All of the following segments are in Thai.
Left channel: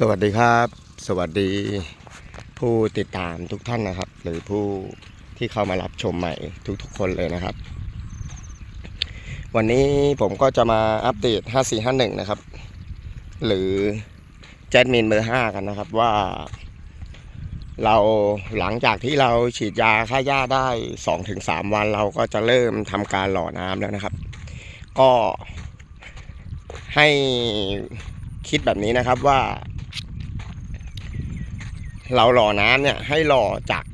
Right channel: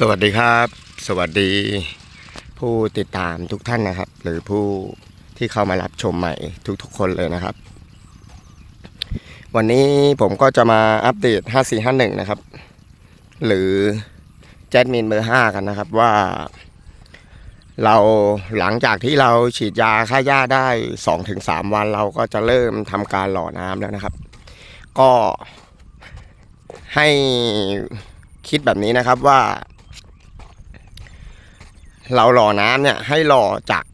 สวัสดีครับ สวัสดีผู้ติดตามทุกท่านนะครับ หรือผู้ที่เข้ามารับชมใหม่ทุกๆคนเลยนะครับ วันนี้ผมก็จะมาอัปเดต 5451 นะครับ หรือแจ็ดมินเบอร์ 5 กันนะครับว่า เราหลังจากที่เราฉีดยาฆ่าหญ้าได้ 2-3 วันเราก็จะเริ่มทำการหล่อน้ำแล้วนะครับ ก็ให้คิดแบบนี้นะครับว่า เราหล่อน้ำเนี่ยให้หล่อจาก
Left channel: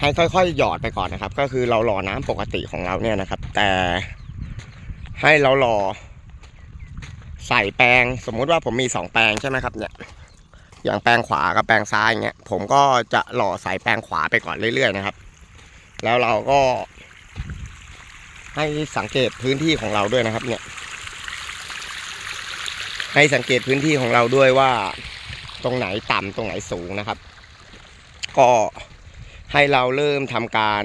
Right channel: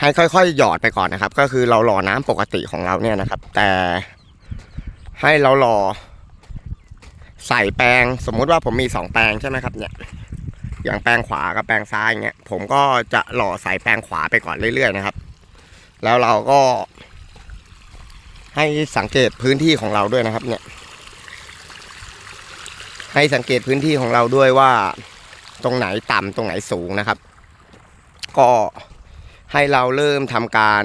ให้ค่อยๆ หยอดไปก่อนนะครับ ก็คือเราหล่อน้ำปกติของเราเนี่ยนะครับ แต่ให้เราหล่อใส่แปรงสมมุติว่าผมมีสองแปรงใช่ไหมครับเนี่ยอย่างแปรงขวากับแปรงซ้ายเงี้ยผมก็จะหล่อใส่แปรงขวาไปก่อนเรื่อย ๆ นะครับ แล้วเราก็ ให้สังเกตพื้นที่ของเราด้วยนะครับ เนี่ย ให้สังเกตพื้นที่ของเราด้วยว่า ตรงไหนต่ำตรงไหนสูงนะครับ ก็ให้เราเริ่มทำการ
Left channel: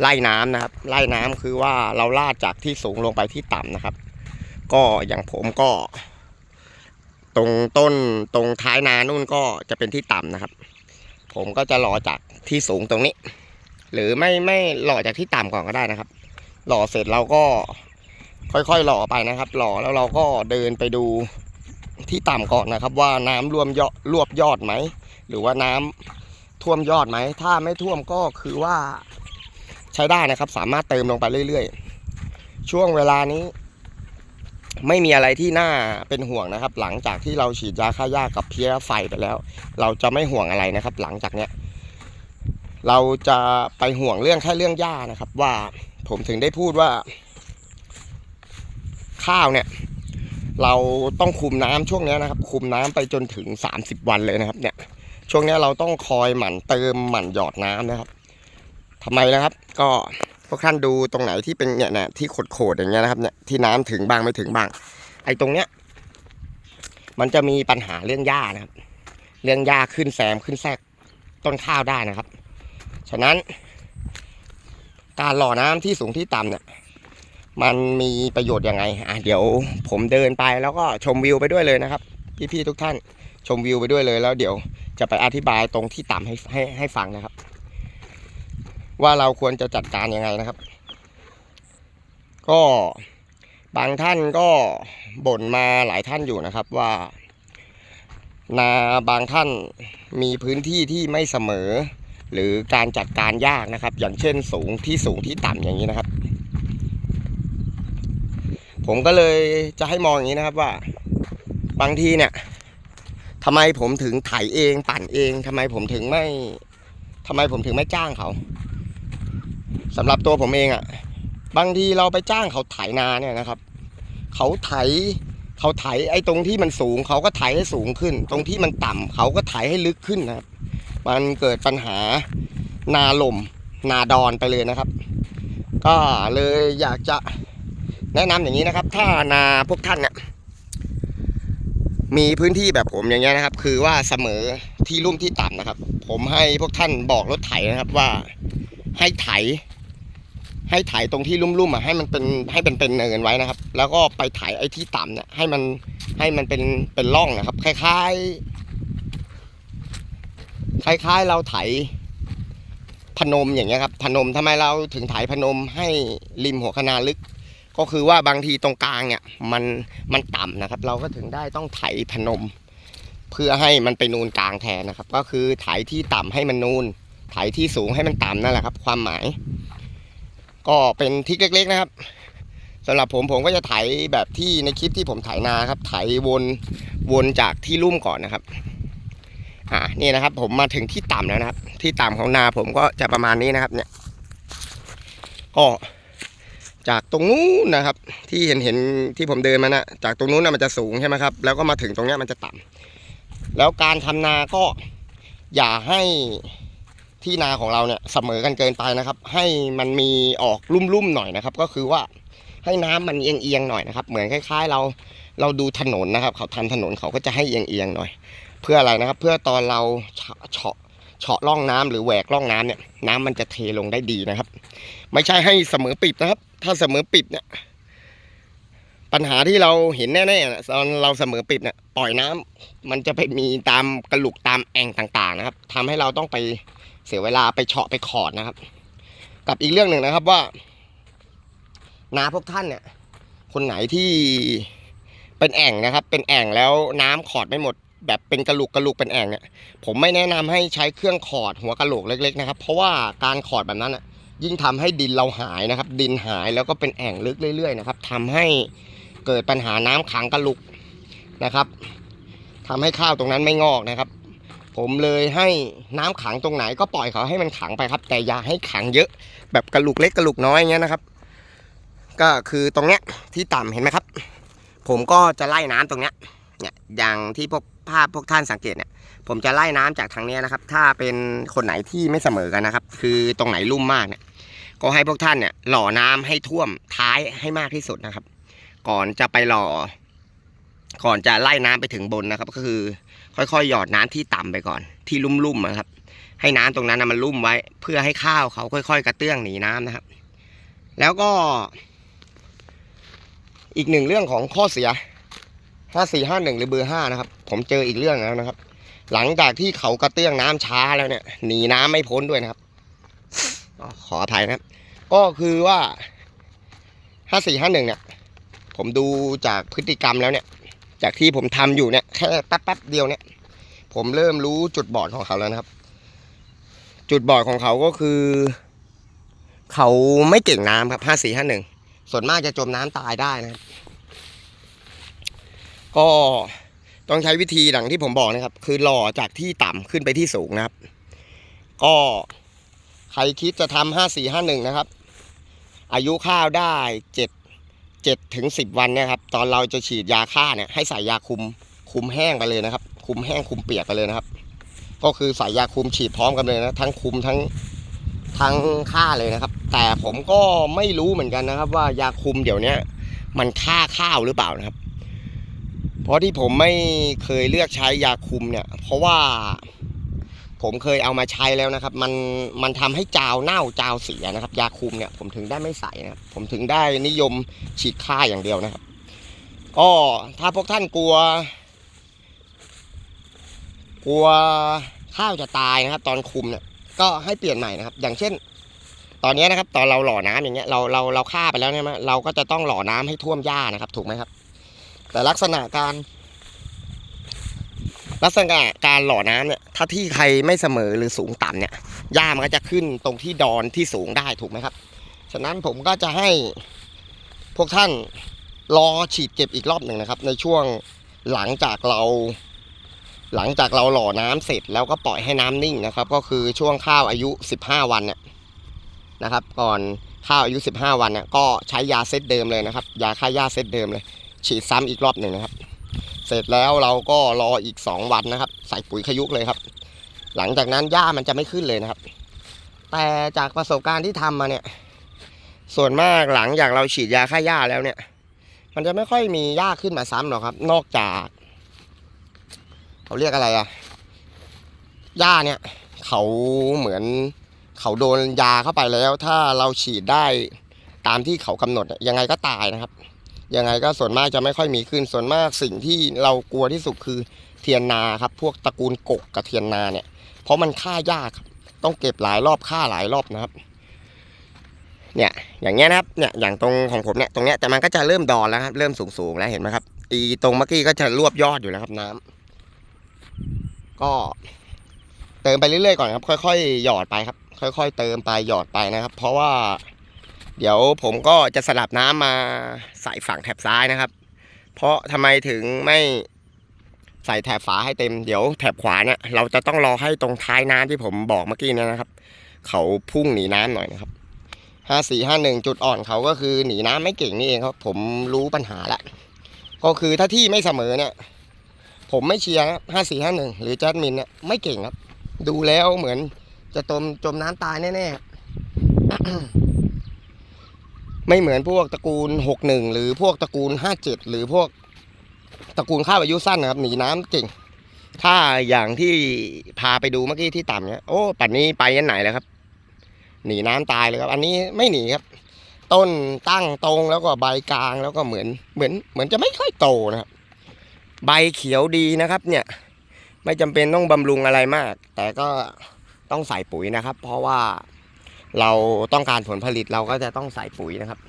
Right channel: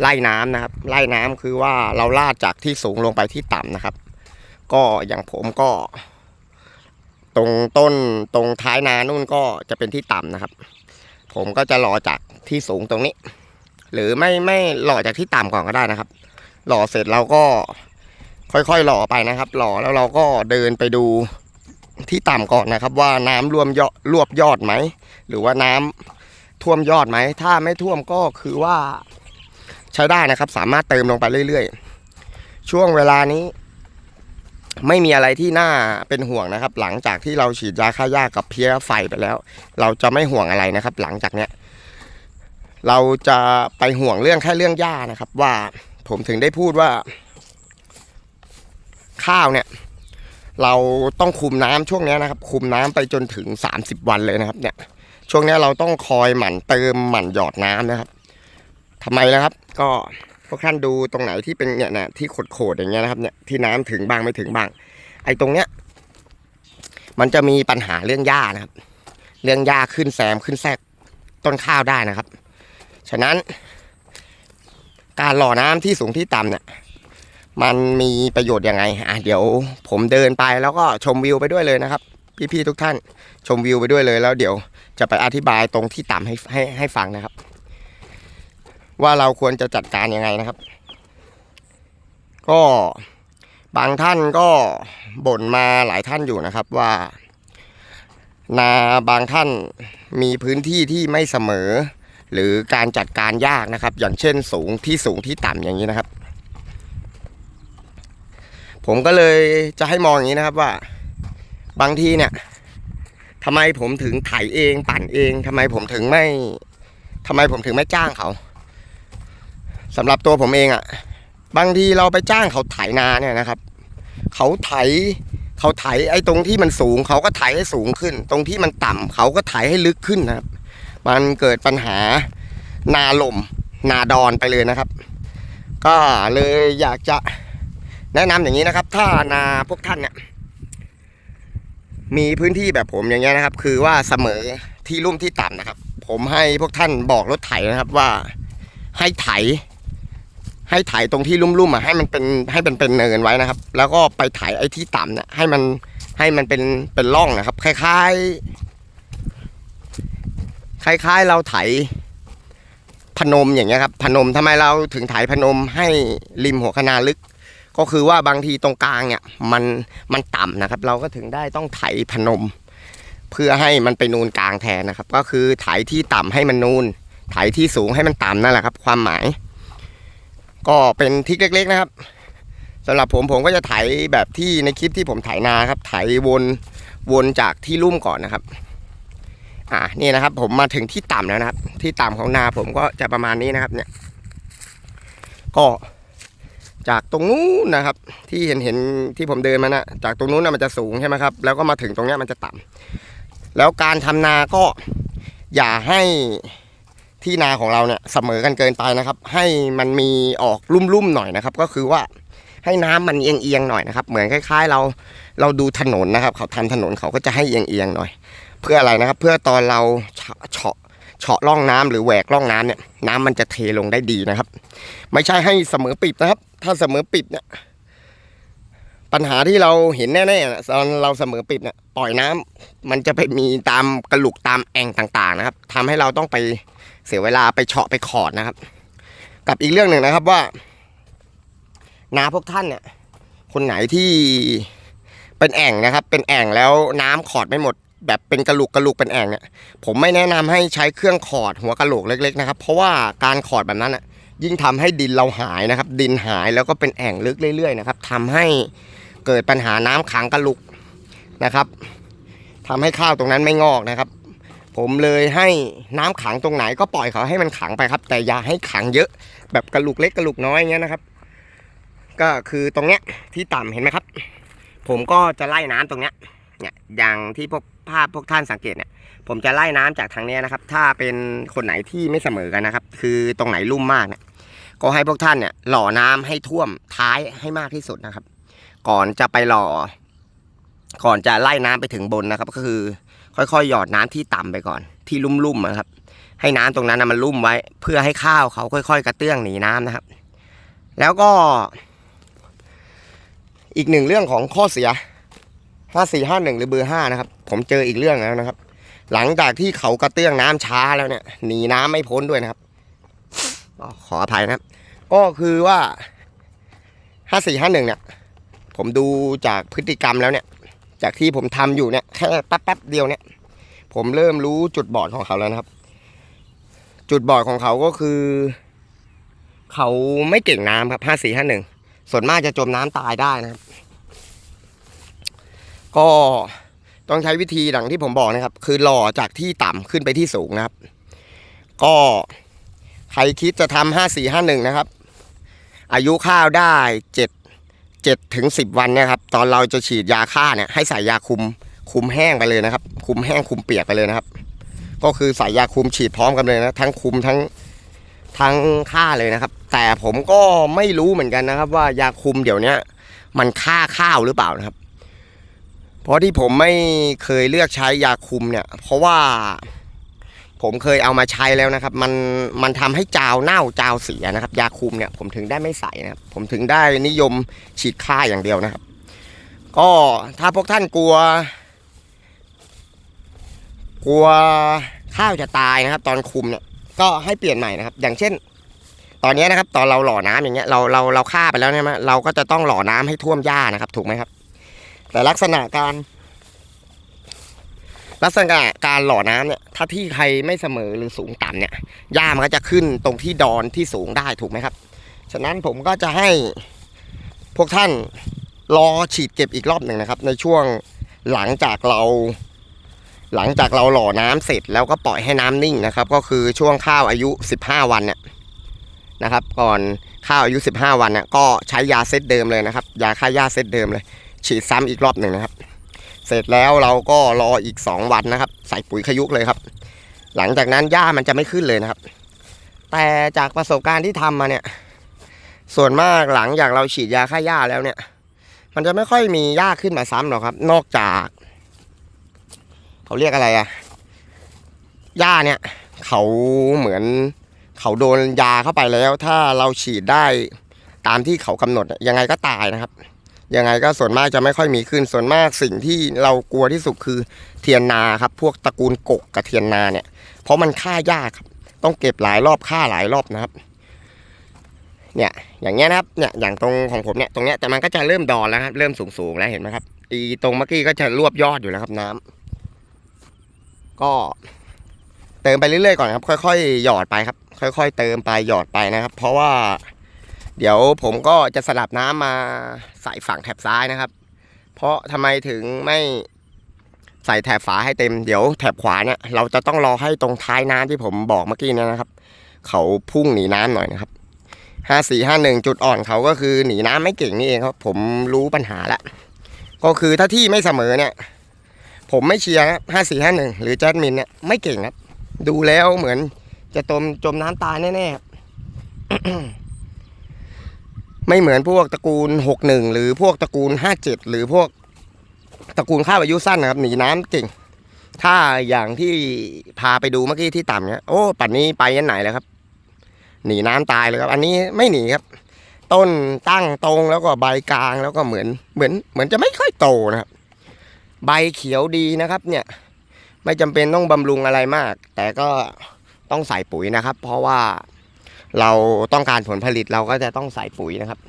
ไล่น้ำนะครับ ไล่น้ำคือว่าเราลาดจากที่สูงลงไปที่ต่ำนะครับ ก็อย่างผมก็ ตรงต้นตรงท้ายนานู่นก็จะเป็นที่ต่ำนะครับ ผมก็จะหล่อจากที่สูงตรงนี้ หรือไม่ไม่หล่อจากที่ต่ำก่อนก็ได้นะครับ หล่อเสร็จเราก็ค่อยๆหล่อไปนะครับ หล่อแล้วเราก็เดินไปดู ที่ต่ำก่อนนะครับ ว่าน้ำรวมยอดรวบยอดไหม หรือว่าน้ำท่วมยอดไหม ถ้าไม่ท่วมก็คือว่าใช้ได้นะครับ สามารถเติมลงไปเรื่อยๆ ช่วงเวลานี้ ไม่มีอะไรที่น่าเป็นห่วงนะครับ หลังจากที่เราฉีดยาฆ่าหญ้ากับเพี้ยไฟไปแล้ว เราจะไม่ห่วงอะไรนะครับ หลังจากเนี้ยเราจะไปห่วงเรื่องแค่เรื่องหญ้านะครับ ว่าผมถึงได้พูดว่า ข้าวเนี่ย เราต้องคุมน้ำช่วงนี้นะครับ คุมน้ำไปจนถึง 30 วันเลยนะครับ เนี่ย ช่วงนี้เราต้องคอยหมั่นเติมหมั่นหยอดน้ำนะครับทำไมนะครับ ก็พวกท่านดูตรงไหนที่เป็นเนี่ยนะที่โขดๆอย่างเงี้ยนะครับ เนี่ยที่น้ำถึงบ้างไม่ถึงบ้าง ไอ้ตรงเนี้ย มันจะมีปัญหาเรื่องหญ้านะครับ เรื่องหญ้าขึ้นแซมขึ้นแทรกต้นข้าวได้นะครับ ฉะนั้น การหล่อน้ำที่สูงที่ต่ำเนี่ย มันมีประโยชน์ยังไงอะเดี๋ยวผมเดินไปแล้วก็ชมวิวไปด้วยเลยนะครับ พี่ๆทุกท่านชมวิวไปด้วยเลยแล้วเดี๋ยวจะไปอธิบายตรงที่ต่ำให้ให้ให้ฟังนะครับ ว่าเราควรจะจัดการยังไงนะครับ ก็บางท่านก็บ่นมาหลายท่านอยู่นะครับว่า นาบางท่านมีพื้นที่ที่ไม่เสมอ หรือการจัดการยากนะครับ อย่างเช่นสูงที่สูงที่ต่ำอย่างนี้นะครับ ผมก็เลยจะให้มองอย่างนี้นะครับว่า บางทีเนี่ยทำไมผมถึงไถเองปั่นเองทำไมผมถึงไม่ทำไมผมถึงไม่จ้างเขาสำหรับตัวผมเองอะ่ะ บางทีเราไปจ้างเขาไถนาเนี่ยนะครับ เขาไถเขาไถไอ้ตรงที่มันสูง เขาก็ไถให้สูงขึ้น ตรงที่มันต่ำเขาก็ไถให้ลึกขึ้นนะครับ มันเกิดปัญหานาลมนาดอนไปเลยนะครับ ก็เลยอยากจะ แนะนำอย่างนี้นะครับ ถ้านาพวกท่านเนี่ยมีพื้นที่แบบผมอย่างเงี้ยนะครับ คือว่าเสมอที่ลุ่มที่ต่ำนะครับ ผมให้พวกท่านบอกรถไถนะครับว่าให้ไถ ให้ไถตรงที่ลุ่มๆอะให้มันเป็นให้มันเป็นเนินไว้นะครับ แล้วก็ไปไถไอ้ที่ต่ำเนี่ยให้มันให้มันเป็นเป็นร่องนะครับ คล้ายๆ คล้าย ๆ เราไถพนมอย่างเงี้ยครับพนมทำไมเราถึงไถพนมให้ริมหัวคนาลึก ก็คือว่าบางทีตรงกลางเนี่ยมันมันต่ำนะครับ เราก็ถึงได้ต้องไถพนม เพื่อให้มันไปนูนกลางแทนนะครับ ก็คือไถที่ต่ำให้มันนูนไถที่สูงให้มันต่ำนั่นแหละครับ ความหมาย ก็เป็นทิกเล็ก ๆ นะครับสำหรับผมผมก็จะไถแบบที่ในคลิปที่ผมไถนาครับ ไถวนวนจากที่ลุ่มก่อนนะครับอ่านี่นะครับ ผมมาถึงที่ต่ำแล้วนะครับ ที่ต่ำของนาผมก็จะประมาณนี้นะครับ เนี่ย ก็ จากตรงนู้นนะครับ ที่เห็นเห็นที่ผมเดินมานะจากตรงนู้นนะมันจะสูงใช่ไหมครับ แล้วก็มาถึงตรงนี้มันจะต่ำแล้วการทำนาก็อย่าให้ที่นาของเราเนี่ยเสมอกันเกินไปนะครับ ให้มันมีออกลุ่มๆหน่อยนะครับ ก็คือว่าให้น้ำมันเอียงๆหน่อยนะครับ เหมือนคล้ายๆ เราเราดูถนนนะครับ เขาทำถนนเขาก็จะให้เอียงๆหน่อย เพื่ออะไรนะครับ เพื่อตอนเราเฉาะเฉาะร่องน้ำหรือแหวกร่องน้ำเนี่ย น้ำมันจะเทลงได้ดีนะครับ ไม่ใช่ให้เสมอปิดนะครับ ถ้าเสมอปิดเนี่ยปัญหาที่เราเห็นแน่ๆนะตอนเราเสมอปิดเนี่ยปล่อยน้ำมันจะไปมีตามกระหลุกตามแอ่งต่างๆ นะครับทำให้เราต้องไปเสียเวลาไปเฉาะไปขอดนะครับ กับอีกเรื่องหนึ่งนะครับว่านาพวกท่านเนี่ย คนไหนที่เป็นแอ่งนะครับ เป็นแอ่งแล้วน้ำขอดไม่หมด แบบเป็นกระหลุกกระหลุกเป็นแอ่งเนี่ยผมไม่แนะนำให้ใช้เครื่องขอดหัวกระโหลกเล็ก ๆ นะครับ เพราะว่าการขอดแบบนั้นอะ ยิ่งทำให้ดินเราหายนะครับ ดินหายแล้วก็เป็นแอ่งลึกเรื่อยๆนะครับทำให้เกิดปัญหาน้ำขังกระลุกนะครับทำให้ข้าวตรงนั้นไม่งอกนะครับ ผมเลยให้น้ำขังตรงไหนก็ปล่อยเขาให้มันขังไปครับ แต่อย่าให้ขังเยอะ แบบกระลุกเล็กกระลุกน้อยเงี้ยนะครับ ก็คือตรงเนี้ยที่ต่ำเห็นไหมครับ ผมก็จะไล่น้ำตรงเนี้ยเนี่ยอย่างที่พวกภาพพวกท่านสังเกตเนี่ยผมจะไล่น้ำจากทางเนี้ยนะครับ ถ้าเป็นคนไหนที่ไม่เสมอกันนะครับ คือตรงไหนลุ่มมากเนี่ย ก็ให้พวกท่านเนี่ยหล่อน้ำให้ท่วมท้ายให้มากที่สุดนะครับ ก่อนจะไปหล่อ ก่อนจะไล่น้ำไปถึงบนนะครับ ก็คือ ค่อยๆ หยอดน้ำที่ต่ำไปก่อน ที่ลุ่มๆนะครับ ให้น้ำตรงนั้นนะมันลุ่มไว้ เพื่อให้ข้าวเขาค่อย ๆ กระเตื้องหนีน้ำนะครับ แล้วก็ อีกหนึ่งเรื่องของข้อเสียห้าสี่ห้าหนึ่งหรือเบอร์ห้านะครับ ผมเจออีกเรื่องแล้วนะครับ หลังจากที่เขากระเตื้องน้ำช้าแล้วเนี่ยหนีน้ำไม่พ้นด้วยนะครับ ก็ขออภัยนะครับก็คือว่าห้าสี่ห้าหนึ่งเนี่ย ผมดูจากพฤติกรรมแล้วเนี่ย จากที่ผมทำอยู่เนี่ยแค่แป๊บๆเดียวเนี่ย ผมเริ่มรู้จุดบอดของเขาแล้วนะครับ จุดบอดของเขาก็คือ เขาไม่เก่งน้ำครับห้าสี่ห้าหนึ่งส่วนมากจะจมน้ำตายได้นะครับ ก็ต้องใช้วิธีดังที่ผมบอกนะครับ คือหล่อจากที่ต่ำขึ้นไปที่สูงนะครับ ก็ ใครคิดจะทำห้าสี่ห้าหนึ่งนะครับ อายุข้าวได้เจ็ดเจ็ดถึงสิบวันนี่ยครับ ตอนเราจะฉีดยาฆ่าเนี่ยให้ใส่ยาคุมคุมแห้งไปเลยนะครับ คุมแห้งคุมเปียกไปเลยนะครับ ก็คือใส่ยาคุมฉีดพร้อมกันเลยนะทั้งคุมทั้งทั้งฆ่าเลยนะครับ แต่ผมก็ไม่รู้เหมือนกันนะครับ ว่ายาคุมเดี๋ยวเนี้ยมันฆ่าข้าวหรือเปล่านะครับ เพราะที่ผมไม่เคยเลือกใช้ยาคุมเนี่ย เพราะว่า ผมเคยเอามาใช้แล้วนะครับ มันมันทำให้จาวเน่าจาวเสียนะครับ ยาคุมเนี่ยผมถึงได้ไม่ใส่นะครับ ผมถึงได้นิยมฉีดฆ่าอย่างเดียวนะครับ ก็ถ้าพวกท่านกลัว กลัวข้าวจะตายนะครับ ตอนคุมเนี่ยก็ให้เปลี่ยนใหม่นะครับ อย่างเช่น ตอนนี้นะครับ ตอนเราหล่อน้ำอย่างเงี้ยเราเราเราฆ่าไปแล้วใช่ไหมเราก็จะต้องหล่อน้ำให้ท่วมหญ้านะครับ ถูกไหมครับ แต่ลักษณะการ ลักษณะการหล่อน้ำเนี่ยถ้าที่ใครไม่เสมอหรือสูงต่ำเนี่ยหญ้ามันก็จะขึ้นตรงที่ดอนที่สูงได้ถูกไหมครับ ฉะนั้นผมก็จะให้พวกท่านรอฉีดเก็บอีกรอบหนึ่งนะครับ ในช่วงหลังจากเรา หลังจากเราหล่อน้ำเสร็จแล้วก็ปล่อยให้น้ำนิ่งนะครับ ก็คือช่วงข้าวอายุ 15 วันเนี่ยนะครับ ก่อนข้าวอายุ 15 วันเนี่ยก็ใช้ยาเซตเดิมเลยนะครับ ยาฆ่าหญ้าเซตเดิมเลย ฉีดซ้ำอีกรอบหนึ่งนะครับ สร็จแล้วเราก็รออีก 2 วันนะครับ ใส่ปุ๋ยขยุกเลยครับ หลังจากนั้นหญ้ามันจะไม่ขึ้นเลยนะครับ แต่จากประสบการณ์ที่ทำมาเนี่ย ส่วนมากหลังจากเราฉีดยาฆ่าหญ้าแล้วเนี่ย มันจะไม่ค่อยมีหญ้าขึ้นมาซ้ำหรอกครับ นอกจากเขาเรียกอะไรอะหญ้าเนี่ย เขาเหมือนเขาโดนยาเข้าไปแล้ว ถ้าเราฉีดได้ตามที่เขากำหนดยังไงก็ตายนะครับ ยังไงก็ส่วนมากจะไม่ค่อยมีขึ้นส่วนมากสิ่งที่เรากลัวที่สุดคือเทียนนาครับ พวกตระกูลกกกับเทียนนาเนี่ย เพราะมันฆ่ายากครับ ต้องเก็บหลายรอบฆ่าหลายรอบนะครับ เนี่ยอย่างเงี้ยนะครับเนี่ยอย่างตรงของผมเนี่ยตรงเนี้ยแต่มันก็จะเริ่มดอนแล้วครับเริ่มสูงๆแล้วเห็นไหมครับอีตรงเมื่อกี้ก็จะรวบยอดอยู่แล้วครับน้ำก็เติมไปเรื่อยๆก่อนครับ ค่อยๆหยอดไปครับ ค่อย ๆ เติมไปหยอดไปนะครับ เพราะว่า เดี๋ยวผมก็จะสลับน้ำมาใส่ฝั่งแถบซ้ายนะครับ เพราะทำไมถึงไม่ใส่แถบฝาให้เต็ม เดี๋ยวแถบขวาเนี่ยเราจะต้องรอให้ตรงท้ายน้ำที่ผมบอกเมื่อกี้นยนะครับ เขาพุ่งหนีน้ำหน่อยนะครับห้าสี่ห้าหนึ่งจุดอ่อนเขาก็คือหนีน้ำไม่เก่งนี่เองครับ ผมรู้ปัญหาแล้วก็คือถ้าที่ไม่เสมอเนี่ย ผมไม่เชียร์ห้าสี่ห้าหนึ่งหรือแจดมินเนี่ยไม่เก่งครับ ดูแล้วเหมือนจะจมจมน้ำตายแน่ๆครับ ไม่เหมือนพวกตระกูล 61 หรือพวกตระกูล 57 หรือพวกตระกูลข้าวอายุสั้นนะครับ หนีน้ำเก่ง ถ้าอย่างที่พาไปดูเมื่อกี้ที่ต่ำเนี่ยโอ้ป่านนี้ไปยันไหนแล้วครับ หนีน้ำตายเลยครับ อันนี้ไม่หนีครับ ต้นตั้งตรงแล้วก็ใบกลางแล้วก็เหมือนเหมือน เหมือนจะไม่ค่อยโตนะครับ ใบเขียวดีนะครับ เนี่ย ไม่จำเป็นต้องบำรุงอะไรมาก แต่ก็ต้องใส่ปุ๋ยนะครับ เพราะว่า เราต้องการผลผลิตเราก็จะต้องใส่ปุ๋ยนะครับ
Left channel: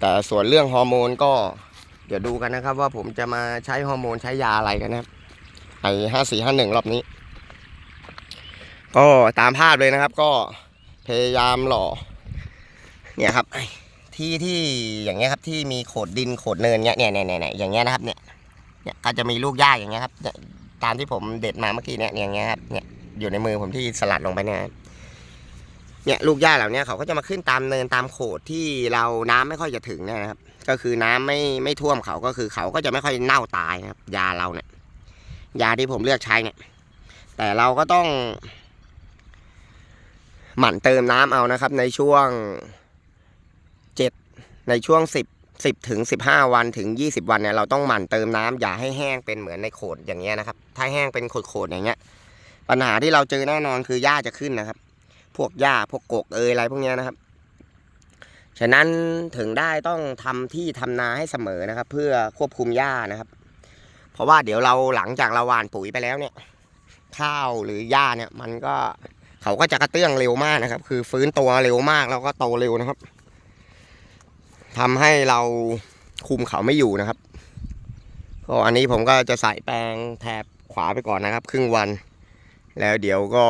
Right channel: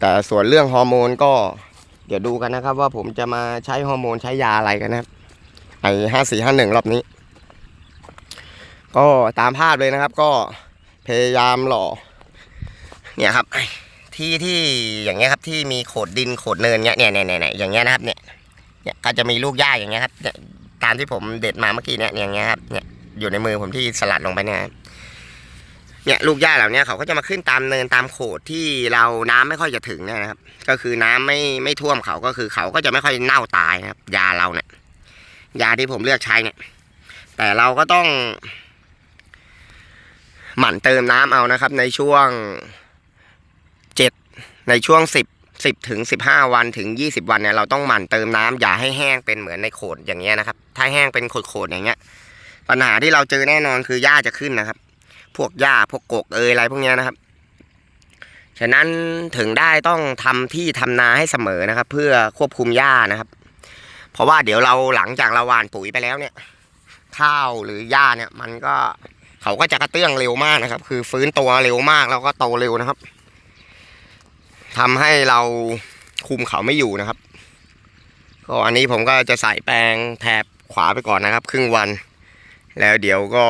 แต่ส่วนเรื่องฮอร์โมนก็เดี๋ยวดูกันนะครับ ว่าผมจะมาใช้ฮอร์โมนใช้ยาอะไรกันนะครับไอห้าสี่ห้าหนึ่งรอบนี้ ก็ตามภาพเลยนะครับ ก็พยายามหล่อ เนี่ยครับ ที่ที่อย่างเงี้ยครับที่มีโขดดินโขดเนินเงี้ยเนี่ยเนี่ยเนี่ยอย่างเงี้ยนะครับเนี่ยเนี่ยก็จะมีลูกหญ้าอย่างเงี้ยครับเนี่ยตามที่ผมเด็ดมาเมื่อกี้เนี่ยอย่างเงี้ยครับเนี่ยอยู่ในมือผมที่สลัดลงไปเนี่ย เนี่ยลูกหญ้าเหล่านี้เขาก็จะมาขึ้นตามเนินตามโขดที่เราน้ำไม่ค่อยจะถึงเนี่ยนะครับ ก็คือน้ำไม่ไม่ท่วมเขาก็คือเขาก็จะไม่ค่อยเน่าตายนะครับ ยาเราเนี่ยยาที่ผมเลือกใช้เนี่ย แต่เราก็ต้อง หมั่นเติมน้ำเอานะครับ ในช่วงเจ็ดในช่วงสิบสิบถึงสิบห้าวันถึงยี่สิบวันเนี่ยเราต้องหมั่นเติมน้ำอย่าให้แห้งเป็นเหมือนในโขดอย่างเงี้ยนะครับ ถ้าแห้งเป็นโขดๆอย่างเงี้ย ปัญหาที่เราเจอแน่นอนคือหญ้าจะขึ้นนะครับ พวกหญ้าพวกกกเอยอะไรพวกนี้นะครับ ฉะนั้นถึงได้ต้องทำที่ทำนาให้เสมอนะครับ เพื่อควบคุมหญ้านะครับ เพราะว่าเดี๋ยวเราหลังจากเราหว่านปุ๋ยไปแล้วเนี่ย ข้าวหรือหญ้าเนี่ย มันก็เขาก็จะกระเตื้องเร็วมากนะครับ คือฟื้นตัวเร็วมากแล้วก็โตเร็วนะครับทำให้เราคุมเขาไม่อยู่นะครับก็อันนี้ผมก็จะใส่แปรงแถบขวาไปก่อนนะครับ ครึ่งวัน แล้วเดี๋ยวก็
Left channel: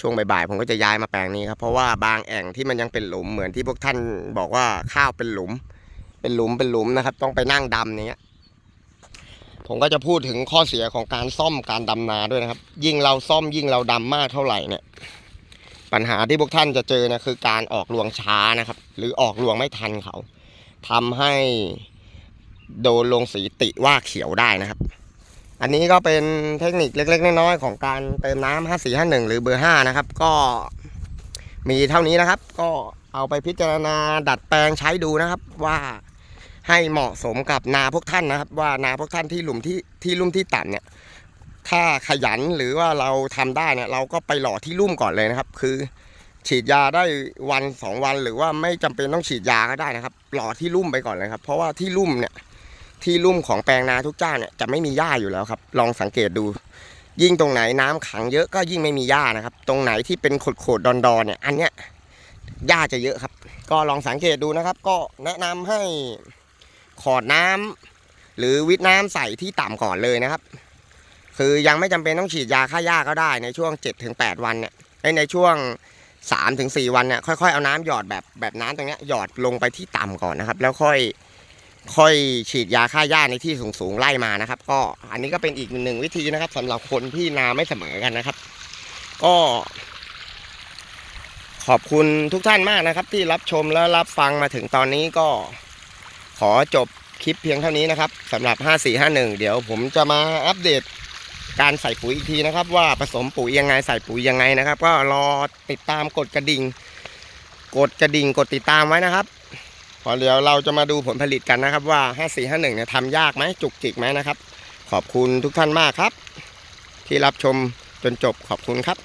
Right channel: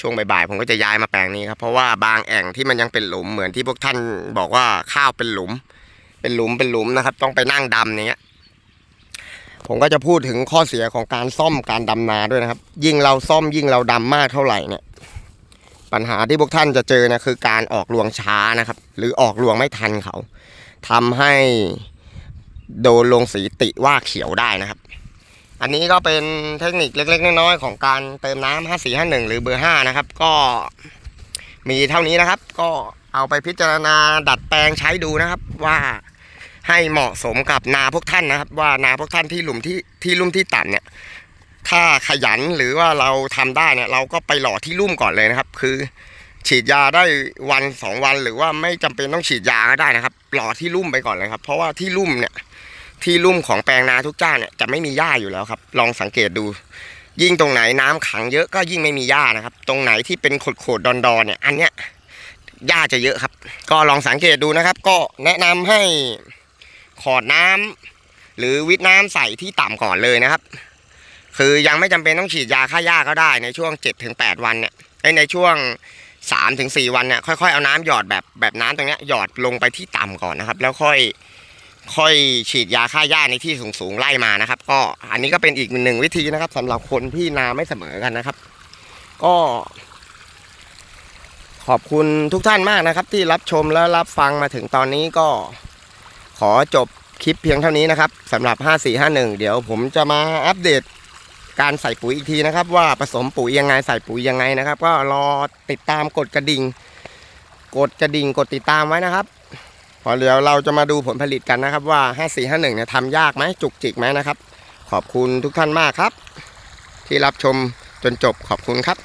ช่วงบ่ายๆผมก็จะย้ายมาแปลงนี้ครับ เพราะว่าบางแอ่งที่มันยังเป็นหลุมเหมือนที่พวกท่านบอกว่าข้าวเป็นหลุม เป็นหลุมเป็นหลุมนะครับ ต้องไปนั่งดำอย่างเงี้ย ผมก็จะพูดถึงข้อเสียของการซ่อมการดำนาด้วยนะครับ ยิ่งเราซ่อมยิ่งเราดำมากเท่าไหร่เนี่ย ปัญหาที่พวกท่านจะเจอนะคือการออกรวงช้านะครับ หรือออกรวงไม่ทันเขาทำให้โดนลงสีติว่าเขียวได้นะครับ อันนี้ก็เป็นเทคนิคเล็ก ๆ น้อยๆของการเติมน้ำ5451หรือเบอร์5นะครับ ก็มีเท่านี้นะครับ ก็เอาไปพิจารณาดัดแปลงใช้ดูนะครับ ว่าให้เหมาะสมกับนาพวกท่านนะครับ ว่านาพวกท่านที่หลุมที่ที่ลุ่มที่ต่ำเนี่ย ถ้าขยันหรือว่าเราทำได้เนี่ย เราก็ไปหล่อที่ลุ่มก่อนเลยนะครับ คือ ฉีดยาได้วันสองวันหรือว่าไม่จำเป็นต้องฉีดยาก็ได้นะครับ หล่อที่ลุ่มไปก่อนเลยครับ เพราะว่าที่ลุ่มเนี่ย ที่ลุ่มของแปลงนาทุกเจ้าเนี่ยจะไม่มีหญ้าอยู่แล้วครับ ลองสังเกตดู ยิ่งตรงไหนน้ำขังเยอะก็ยิ่งไม่มีหญ้านะครับ ตรงไหนที่เป็นโขดๆดอนๆเนี่ย อันเนี้ยหญ้าจะเยอะครับ ก็ลองสังเกตดูนะครับ ก็แนะนำให้ขอดน้ำหรือวิทน้ำใส่ที่ต่ำก่อนเลยนะครับ คือยังไม่จำเป็นต้องฉีดยาฆ่าหญ้าก็ได้ในช่วง 7-8 วันเนี่ยเอ้ยในช่วง3-4 วันเนี่ยค่อยๆเอาน้ำหยอดแบบแบบน้ำตรงเนี้ยหยอดลงไปที่ต่ำก่อนนะครับ แล้วค่อย ค่อยฉีดยาฆ่าหญ้าในที่สูงๆไล่มานะครับ ก็อันนี้ก็เป็นอีกหนึ่งวิธีนะครับสำหรับคนที่นาไม่เสมอกันนะครับ ก็ ขอบคุณทุกท่านมากนะครับ ที่รับชมและรับฟังมาถึงตอนนี้ก็ ขอจบคลิปเพียงเท่านี้นะครับสำหรับ 5451 เดี๋ยวผมจะมาอัปเดตการใส่ปุ๋ยอีกทีนะครับ ว่าผสมปุ๋ยยังไงใส่ปุ๋ยยังไงนะครับ ก็รอติดตามกดกระดิ่ง กดกระดิ่งกดติดตามไว้นะครับ พอเดี๋ยวเราจะมาดูผลผลิตกันนะครับว่า 5451เนี่ยทำยากไหมจุกจิกไหมนะครับ ขอบคุณทุกท่านมากครับ ที่รับชมจนจบขอบคุณครับ